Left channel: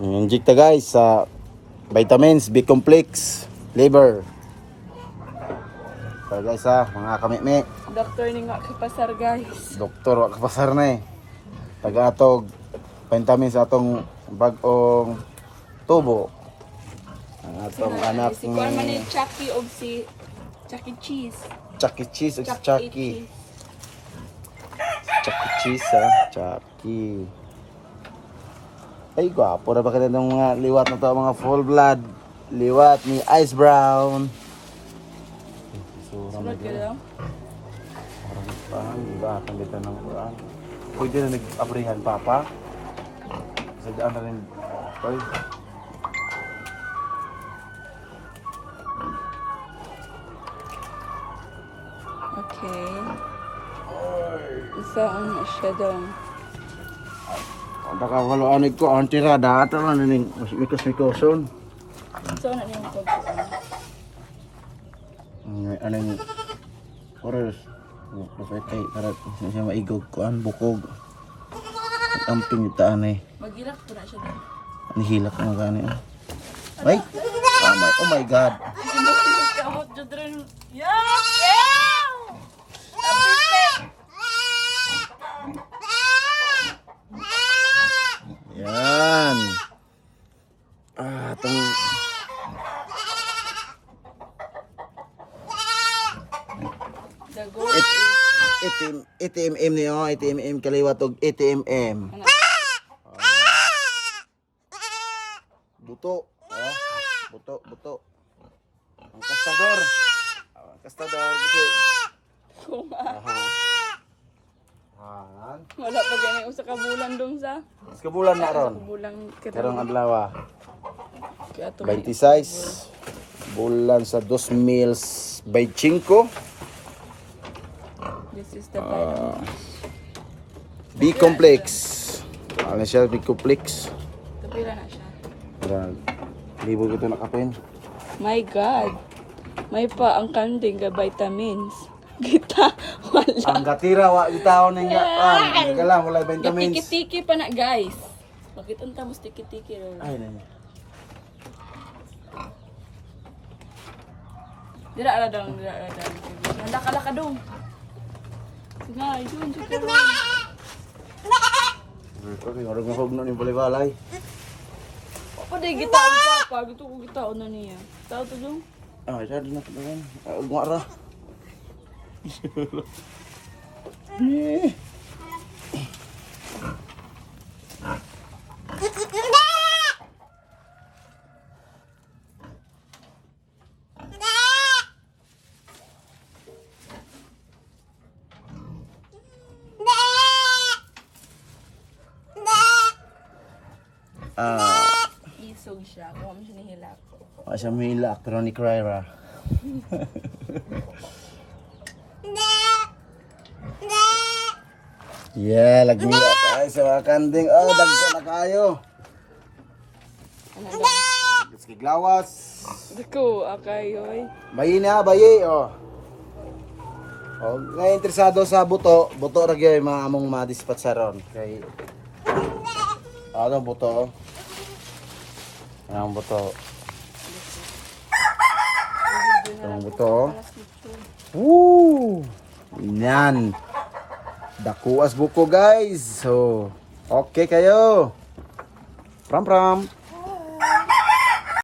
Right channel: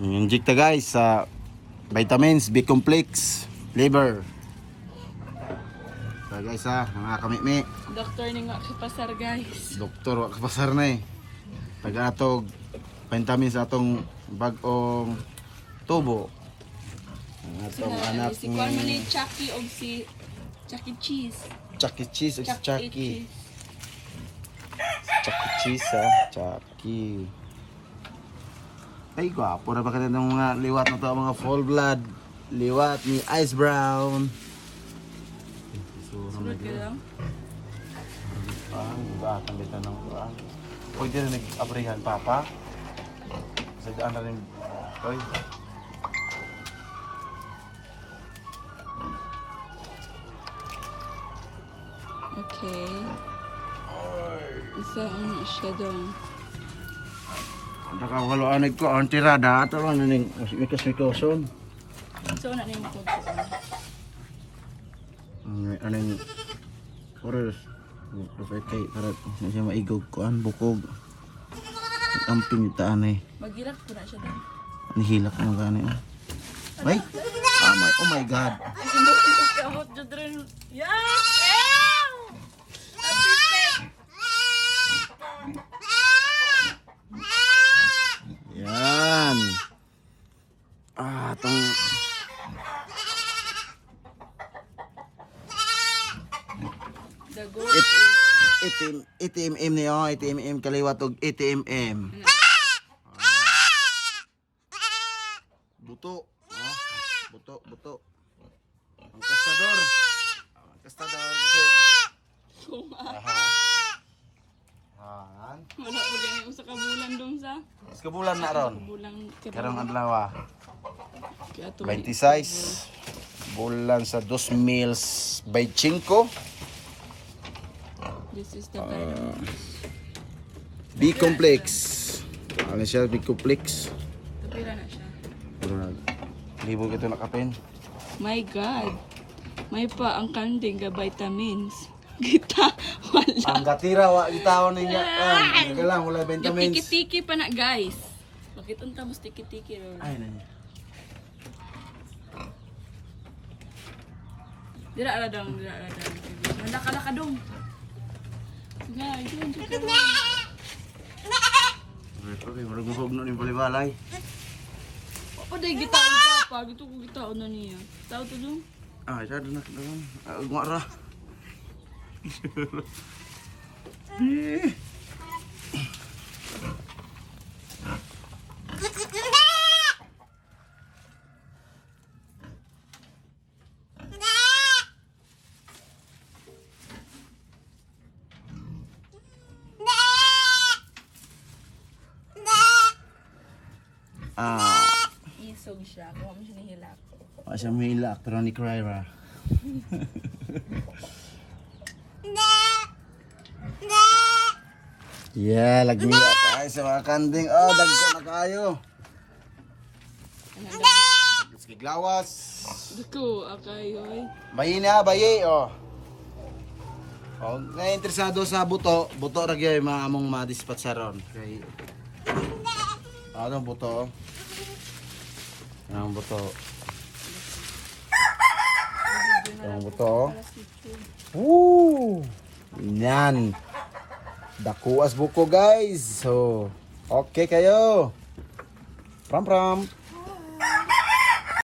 Injecta guys sa vitamins, B-complex, liver. So guys mga kamimi. Doktor ni nga kapasar guys. Doktor wa kapasar na eh. Taga-atog vitamins atong bag-ong tubo. Ang atong anak Si Kuan man ni Chucky og si Chucky Cheese. Chucky Cheese o si Chucky. Chucky Cheese Chucky. Ay gwapo na ba ka ng mga liwat na to, mga full blood. Liwat ni Ice Brown. Sunod ka lang. Parang iba ang ganda ng Quran. Pwede na nag-abrihan papa. Sa daan na rin. Ay. Okay. Saan na siya daw? Ang nakawaloanig ko, ang tirada. Ito na rin, mikos-mikoson. So na niyong pagkuhan. Ano yung oras. Dapat kay para siya maigog ko ang bukog. Ang pinitaan eh. Magilak po na siya daw. Nihilak mo gani. Ay! Oh my God! Yan! Itong... ATMM niyo, ATMM kaliwat og ATMM. Buto. Buto. Ang kastador. Ang kastador kasi. Wala pa ganyan usa ka bulan dong sa. Kabulan na ron. Bulan Karong adlaw. kaya to 26 bulan sa 2 meals by 5. This is the vitamin. B-complex. Ano siya B-complex? Kapila na siya. Para libo kita nakapin. My God. May pa ang kanding ga vitamins. Kita wala. Ang gatira wa gitaon niya. Kala wala vitamins. Tiki-tiki pa na guys. Bakit unta mo tiki-tiki ro? Ay na. Dira ala daw. Nanda kala ka dong. Sige, yun si Karon. Sorry, marag mahog na ni balay-balay. Papa day gitaon papa, gito ko gitaon na niya. Tao to dong. Isa na kadang. Gumara. Isog siya, kung mo siya nihilak. Siya milak pero ni Cryra. Yeah, lagmi tayo sa mga kanding. Oh, dagko na kayo. Sige, glawas. Dako, akayoy. Bayi na, bayi. Oh. Oh, nga interesado sa buto ra gyud mga among madispatsaron kay ano buto? Ang buto. Ang buto. Woo! Yan. Dakuas buko guys. So, okay kayo. Pram.